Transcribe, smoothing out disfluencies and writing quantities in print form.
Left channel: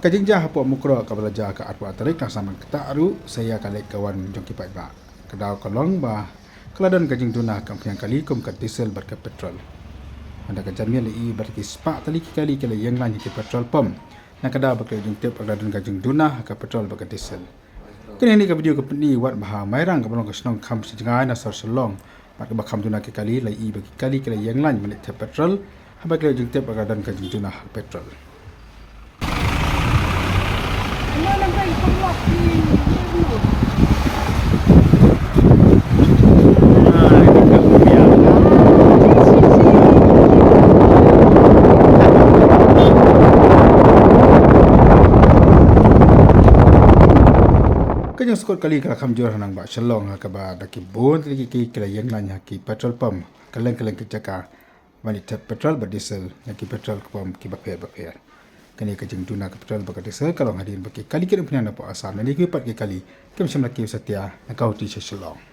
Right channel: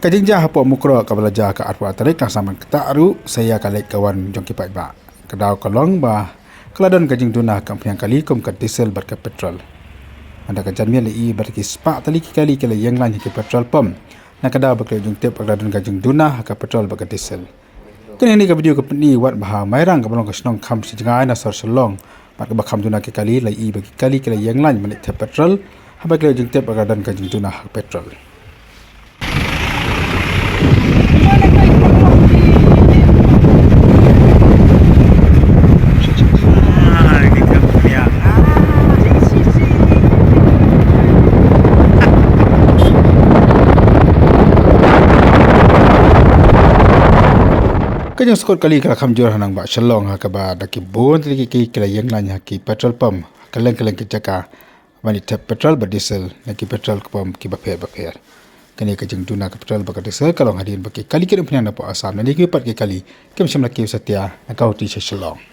Kajingja hapok mukro ka belajar ke atwa tarik nang saman ketaru saya kalek kawan jong kipai ba. Kedau kolong ba keladon kajing tuna kampiang kali kum kat diesel ber ke petrol. Anda kajan mi li ber ki spa tali kali kali yang lan ke petrol pom. Na kedau ber kajing tip keladon kajing tuna ke petrol ber ke diesel. Kini ni ke video ke peni wat bah mairang ke belong ke senong kam sejengai na sor selong. Mat ke bakam tuna ke kali li bagi kali yang lan menik tip petrol. Haba kajing tip keladon kajing tuna ke petrol. Kanyang skor kali kala kamjur hanang ba shalong ha kaba daki bon tiki kala yang lan ki petrol pump kaleng ki jaka mani tap petrol ba diesel ki petrol pump ki ba pher kani ka jing tuna ka petrol ba diesel kalong hadin ba ki kali ki punya na po asam ni ki pat ki kali kem samla ki satya na kau ti shalong